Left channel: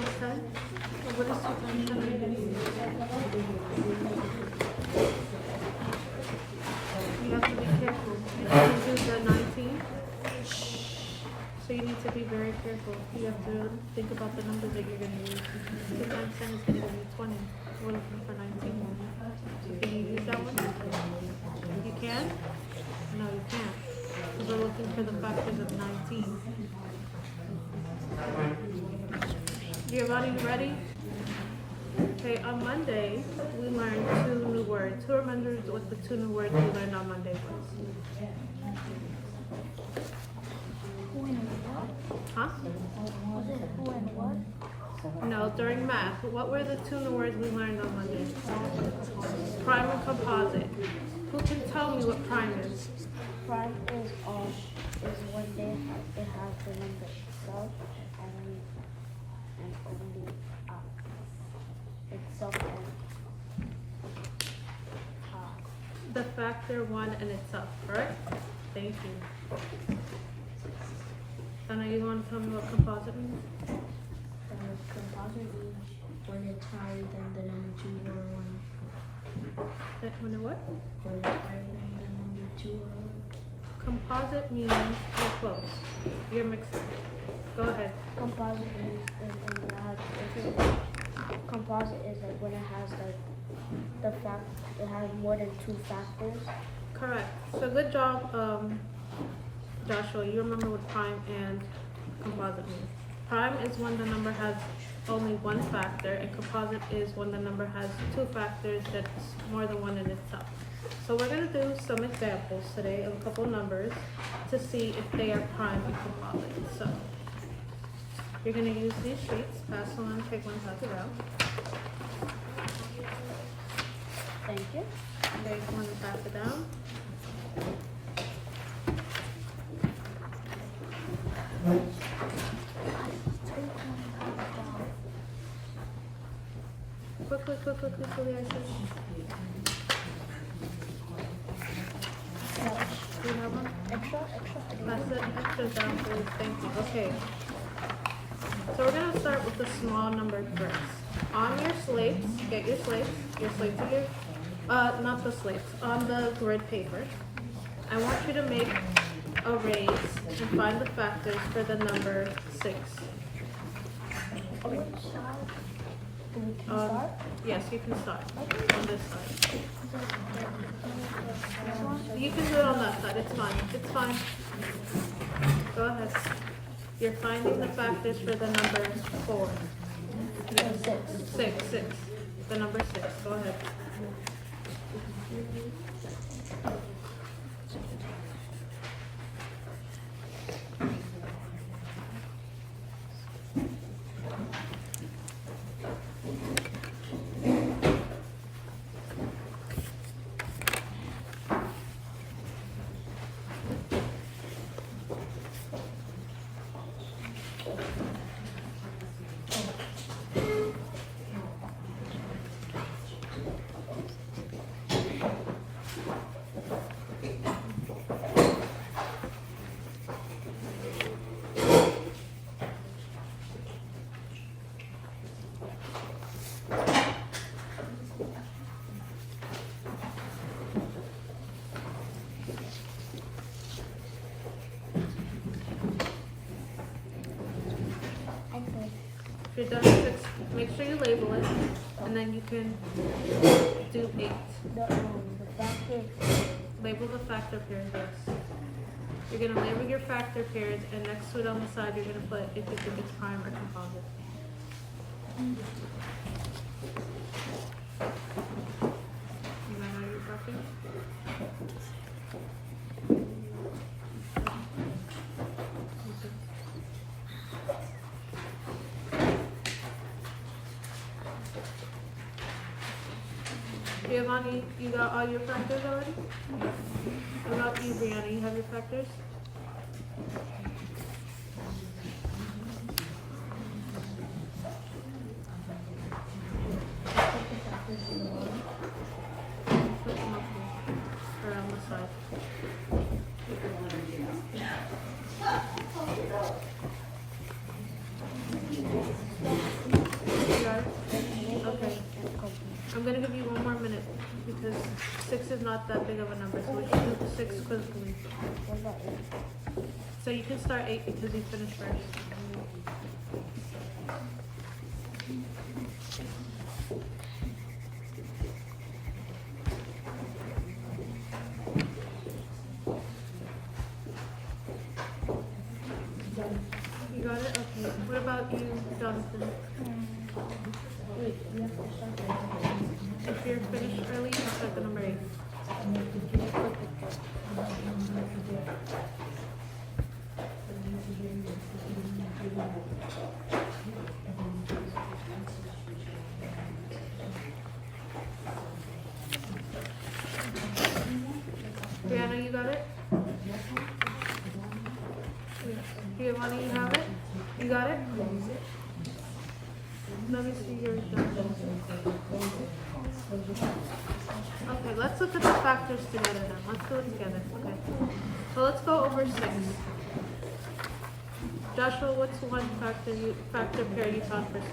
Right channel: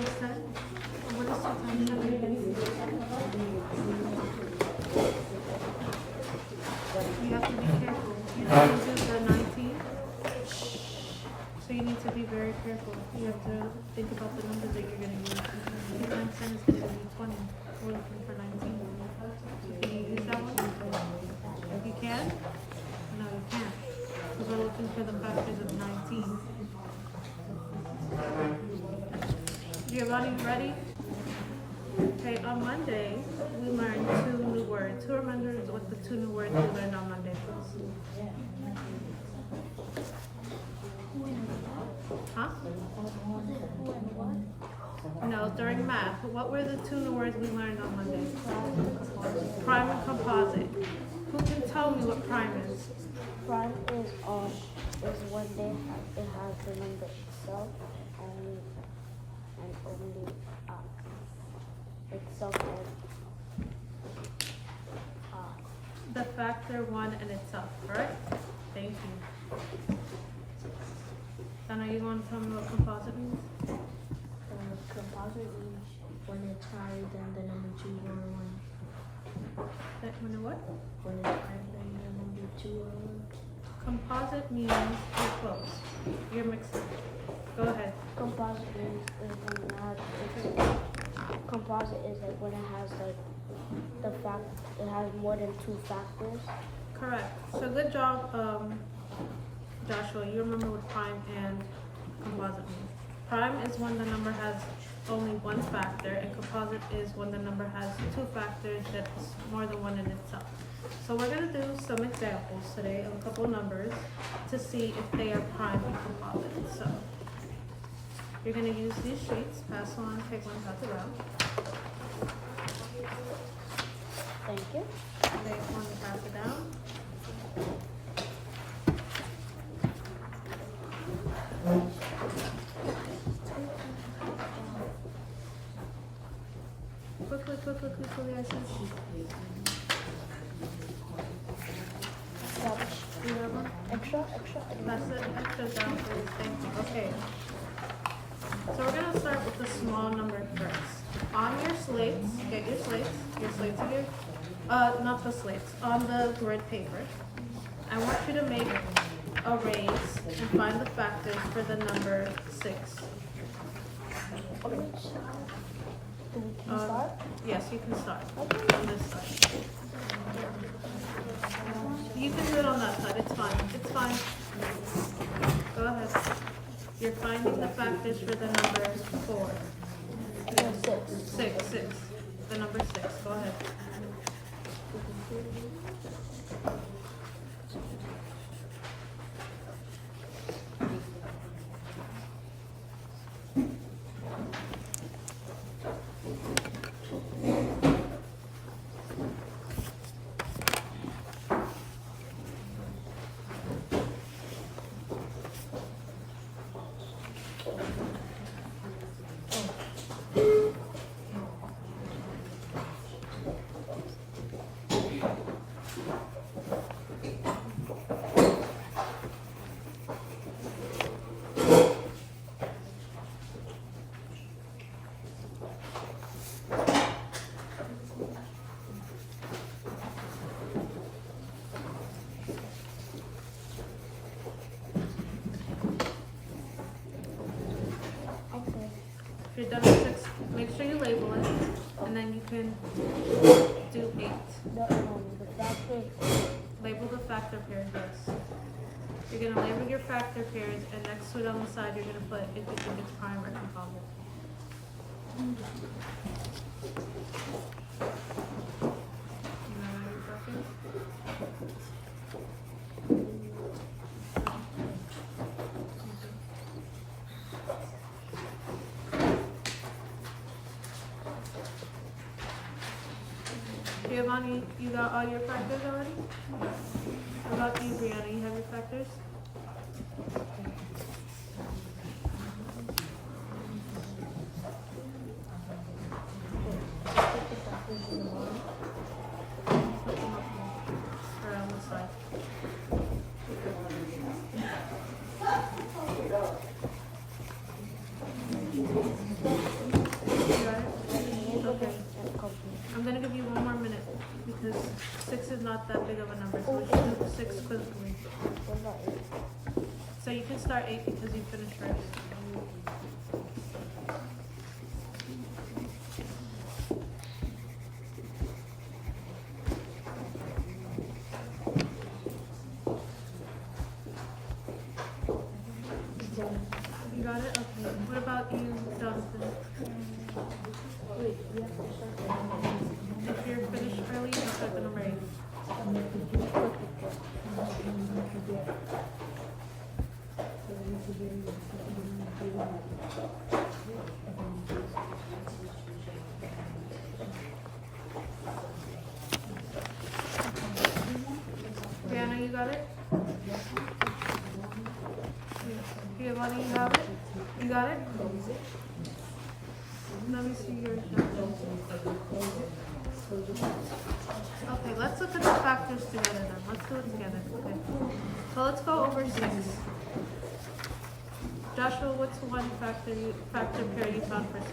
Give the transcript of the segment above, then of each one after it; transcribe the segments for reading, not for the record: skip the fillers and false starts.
times 10? Or what is 2 times 10? You have to be careful. You didn't do the 19. So you need to be very careful. You have to think about the numbers that you're going to use. 2 times 10 is going to give you 20. We're looking for 19. So can you use that one? You can? No, you can't. Because we're looking for the factors of 19. Giovanni, you ready? Okay, on Monday, we learned 2 new words. Who remembers what the 2 new words we learned on Monday was? Huh? No, during math. What were the 2 new words we learned on Monday? Prime and composite. Who can tell me what prime is? Prime is when it has the number itself and only itself and The factor 1 and itself, correct? Thank you. Donna, you want to tell me what composite means? composite means when it's higher than the number 2 or 1. When it what? When it's higher than the number 2 or 1. Composite means you're close. You're mixed up. Go ahead. Composite is when it has composite is like when it has like it has more than 2 factors. Correct. So good job, Joshua. You remember what prime and composite means. Prime is when the number has only 1 factor, and composite is when the number has 2 factors that's more than 1 in itself. So we're going to do some examples today of a couple of numbers to see if they are prime and composite. So you're going to use these sheets. Pass on, take one, pass it out. Thank you. Take one and pass it down. Quickly, I said. Do you have one? Extra. Pass it extra down, please. Thank you. Okay. So we're going to start with the small number first. On your slates, get your slates. Your slates are your, not the slates, on the grid paper. I want you to make arrays and find the factors for the number 6. Okay. Yes, you can start on this side. You can do it on that side. It's fine. It's fine. Go ahead. You're finding the factors for the number 4. Yes. 6. The number 6. Go ahead. If you're done with 6, make sure you label it, and then you can do 8. The factor. Label the factor pairs, yes. You're going to label your factor pairs, and next to it on the side, you're going to put if you think it's prime or composite. You know your factor? Giovanni, you got all your factors already? What about you, Brianna? You have your factors? Put them up here, or on the side. I'm gonna give you one more minute because 6 is not that big of a number, so we should do 6 quickly. What about 8? So you can start 8 because you finished first. You got it? Okay. What about you, Jonathan? Wait, we have to start the number. If you're finished early, you can start the number 8. Brianna, you got it? Giovanni, you have it? You got it? Let me see yours, Jonathan. Okay, let's look at the factors together then. Let's do it together. Okay. So let's go over 6. Joshua, what's one factor pair you found for 6?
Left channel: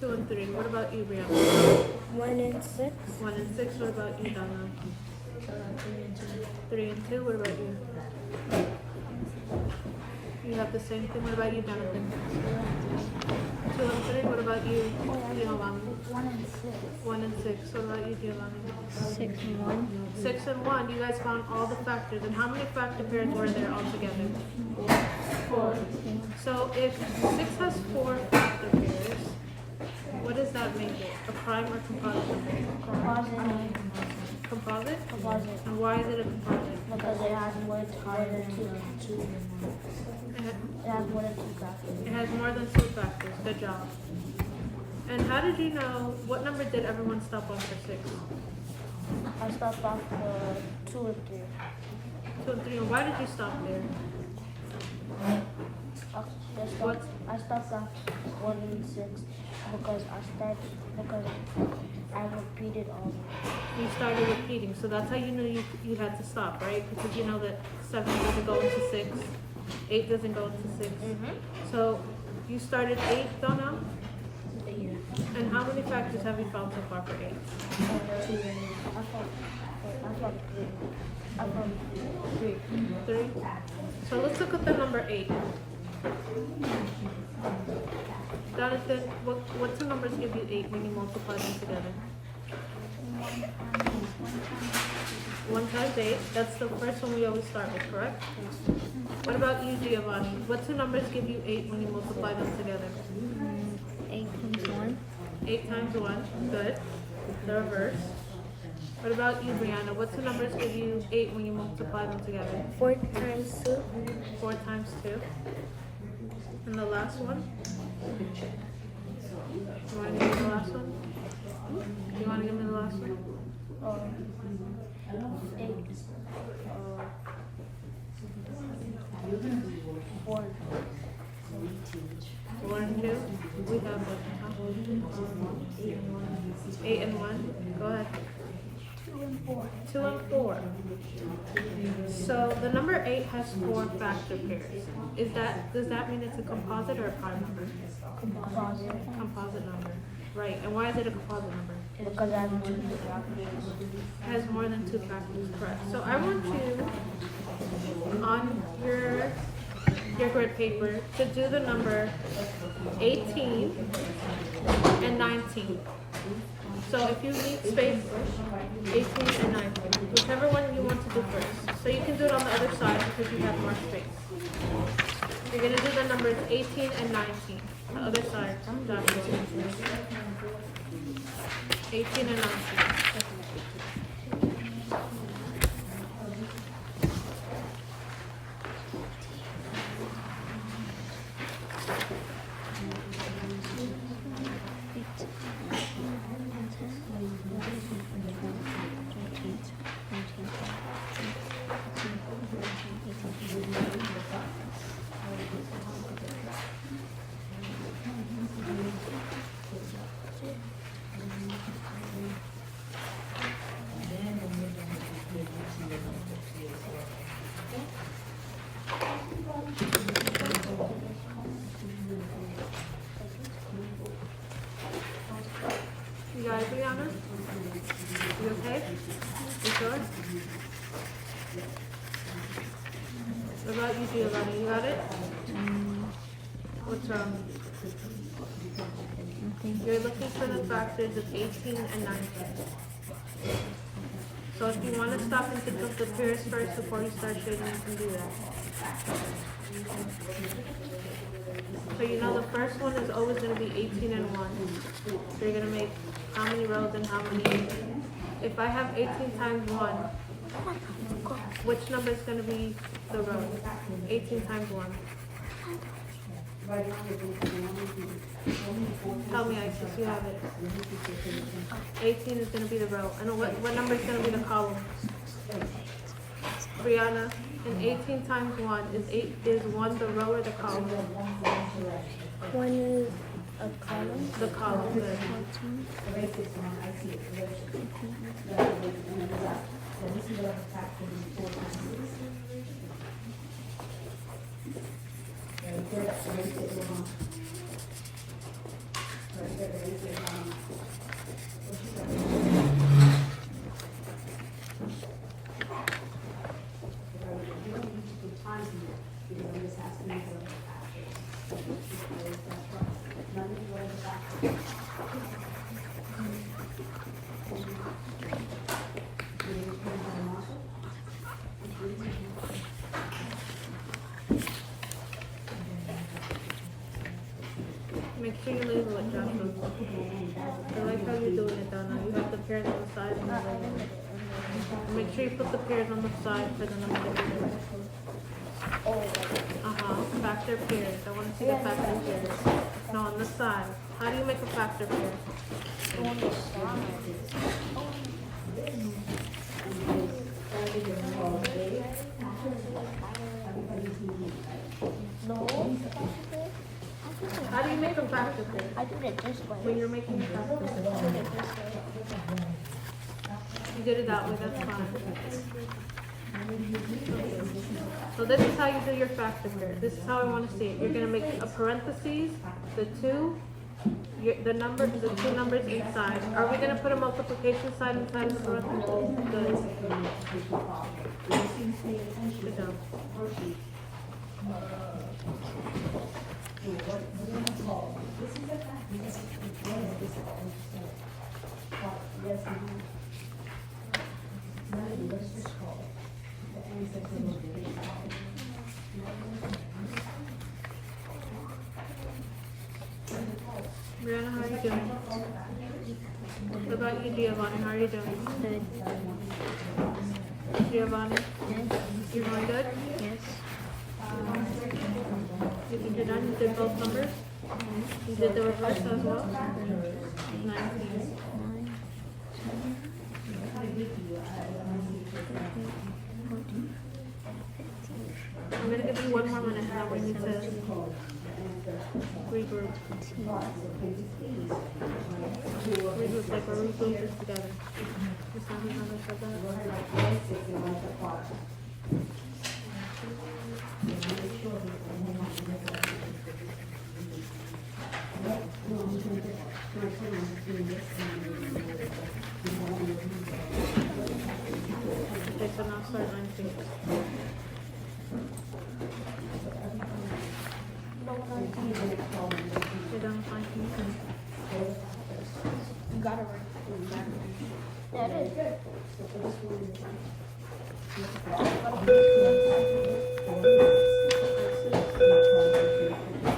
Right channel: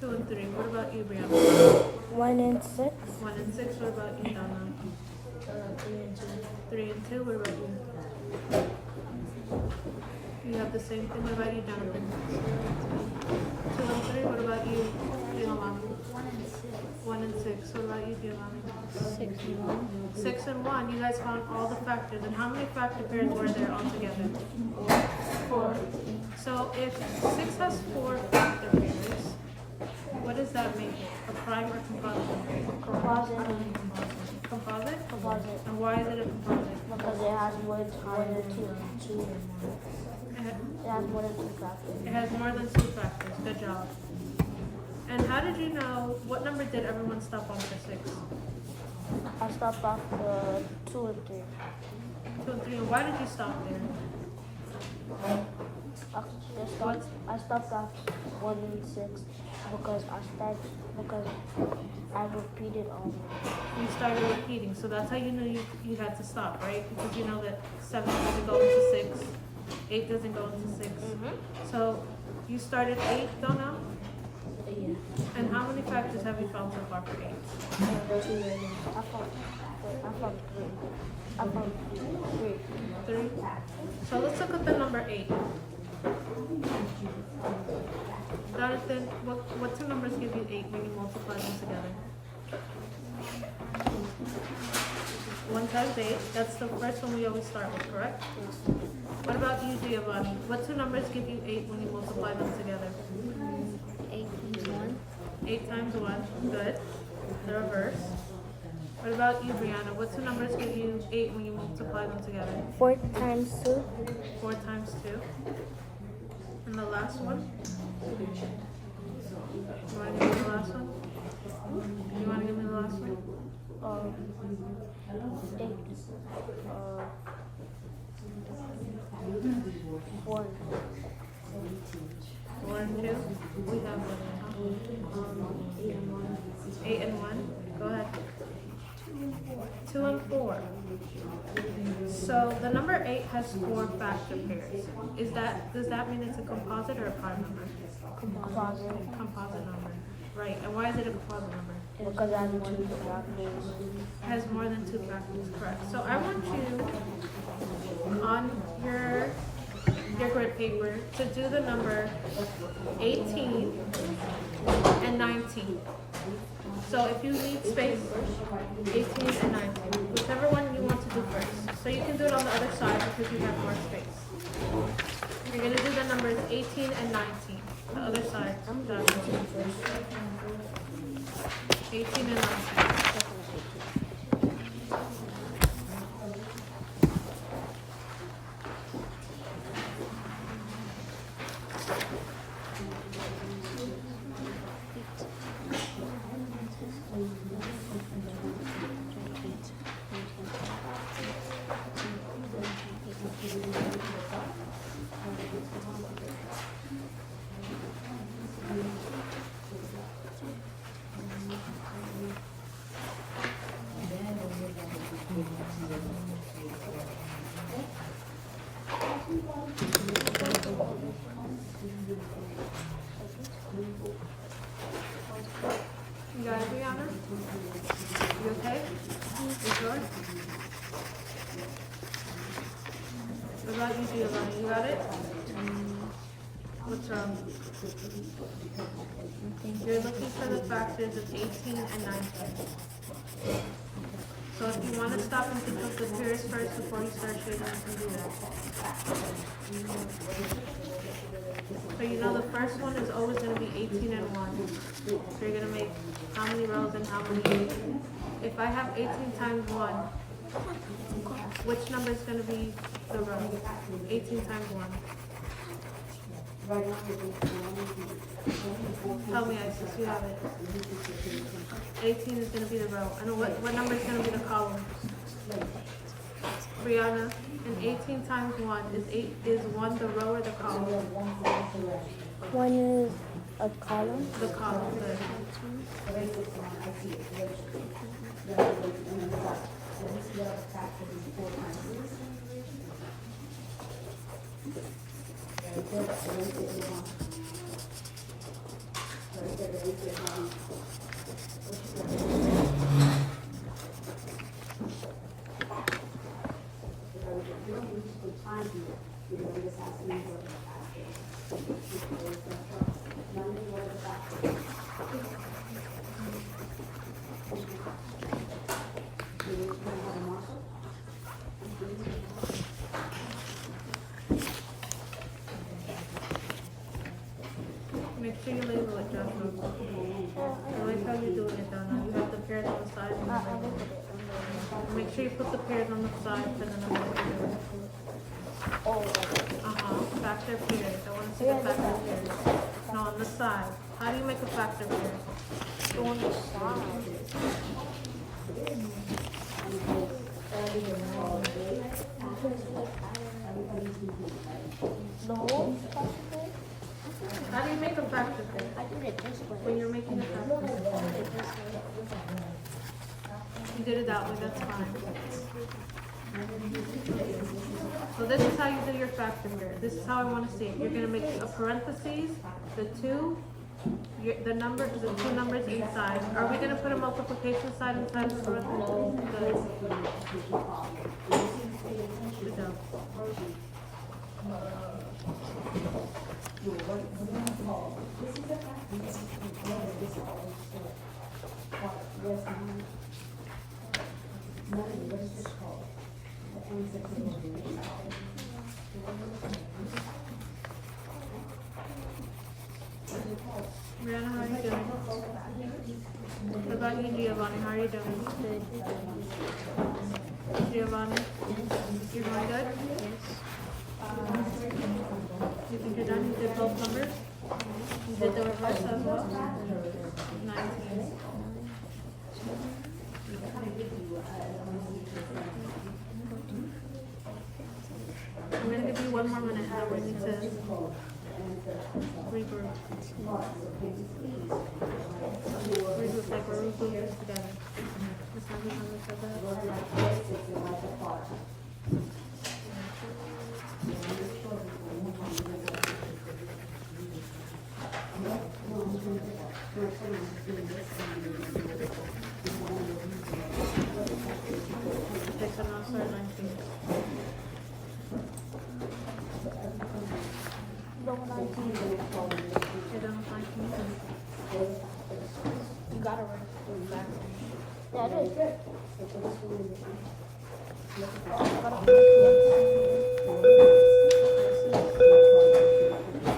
2 and 3. What about you, Brianna? 1 and 6. 1 and 6. What about you, Donna? 3 and 2. 3 and 2. What about you? You have the same thing. What about you, Jonathan? 2 and 3. What about you, Giovanni? 1 and 6. What about you, Giovanni? 6 and 1. You guys found all the factors. And how many factor pairs were there altogether? 4. So if 6 has 4 factor pairs, what does that make it? A prime or composite number? Composite? Composite. And why is it a composite? Because it has more than two. It has more than 2 factors. It has more than 2 factors. Good job. And how did you know, what number did everyone stop on for 6? I stopped off the 2 and 3. 2 and 3. And why did you stop there? I stopped off 1 and 6 because I repeated You started repeating, so that's how you knew you had to stop, right? Because you know that 7 doesn't go into 6, 8 doesn't go into 6. So you started 8, don't know? And how many factors have you found so far for 8? 2. I found 3. 3? So let's look at the number 8. Jonathan, what 2 numbers give you 8 when you multiply them together? 1 times 8. That's the first one we always start with, correct? What about you, Giovanni? What 2 numbers give you 8 when you multiply them together? 8 times 1. Good. The reverse. What about you, Brianna? What 2 numbers give you 8 when you multiply them together? 4 times 2. 4 times 2. And the last one? You want to give me the last one? You want to give me the last one? 8. 4. 4 and 2? We have what? 8 and 1. Go ahead. 2 and 4. So the number 8 has 4 factor pairs. Does that mean it's a composite or a prime number? Composite. Composite number. Right. And why is it a composite number? Because I have more than 2 factors. Has more than 2 factors, correct. So I want you on your grid paper to do the number 18 and 19. So if you need space, 18 and 19, whichever one you want to do first. So you can do it on the other side because you have more space. You're going to do the numbers 18 and 19. The other side. 18 and 19. What about you, Giovanni? You got it? What's wrong? You're looking for the factors of 18 and 19. So if you want to stop and think of the pairs first before you start shading, you can do that. So you know the first one is always going to be 18 and 1. So you're going to make how many rows and how many. If I have 18 times 1, which number is going to be the row? 18 times 1. Tell me, Isis, you have it. 18 is going to be the row. And what number is going to be the column? Brianna, and 18 times 1 is 1 the row or the column? 1 is a column. The column, good. Make sure you label it, Joshua. I like how you're doing it, Donna. You have the pairs on the side and you label it. Make sure you put the pairs on the side for the number that you're doing. Factor pairs. I want to see the factor pairs. No, on the side. How do you make a factor pair? On the side. No. How do you make a factor pair? I did it this way. When you're making a factor pair. You did it that way, that's fine. So this is how you do your factor pair. This is how I want to see it. You're going to make a parentheses, the two numbers inside. Are we going to put a multiplication sign inside of parentheses? Good. Good job. Brianna, how are you doing? What about you, Giovanni? How are you doing? Giovanni, you're doing good? You think you're done? You did both numbers? You did the reverse as well? 19. I'm going to give you 1 more minute and then we need to regroup. Regroup like we're regrouping this together. Miss Abby's never said that. Okay, so now start 19. You're done with 19? You got it right. Yeah, I did.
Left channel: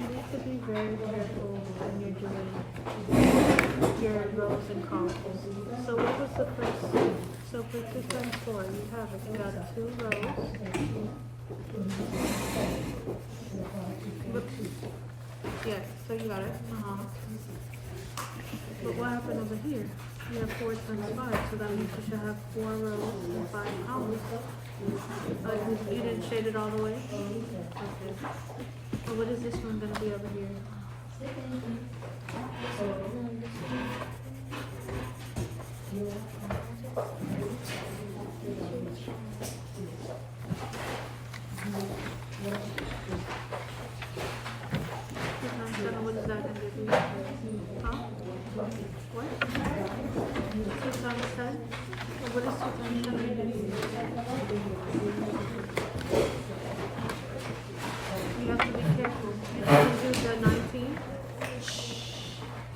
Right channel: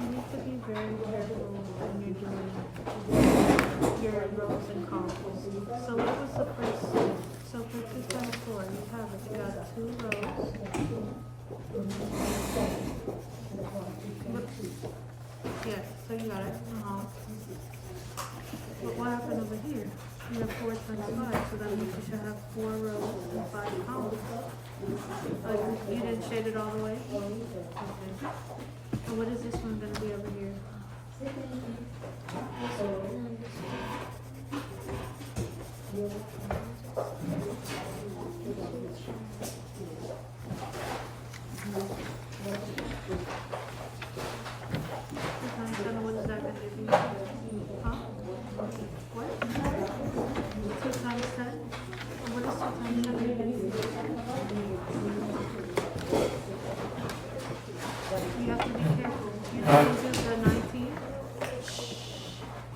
You need to be very careful when you're doing your rows and columns. So what was the first? So for 2 times 4, you have it. You got 2 rows. Yeah, so you got it. But what happened over here? You have 4 times 5, so that means you should have 4 rows and 5 columns. You didn't shade it all the way? Okay. So what is this one going to be over here? What is that going to be? Huh? What? 2 times 10? What is 2 times 10 going to be? You didn't do the 19?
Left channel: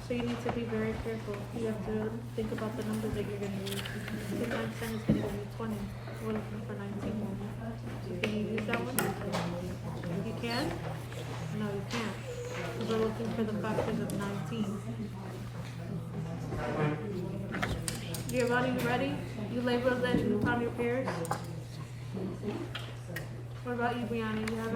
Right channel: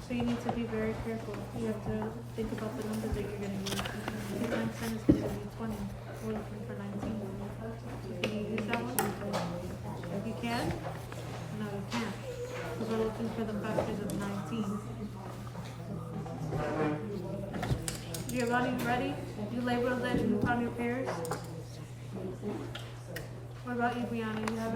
So you need to be very careful. You have to think about the numbers that you're gonna use. Because 9% is gonna give you 20. We're looking for 19. So can you use that one? You can? No, you can't. Because we're looking for the factors of 19. Giovanni, you ready? You labeled it and you found your pairs? What about you, Brianna? You have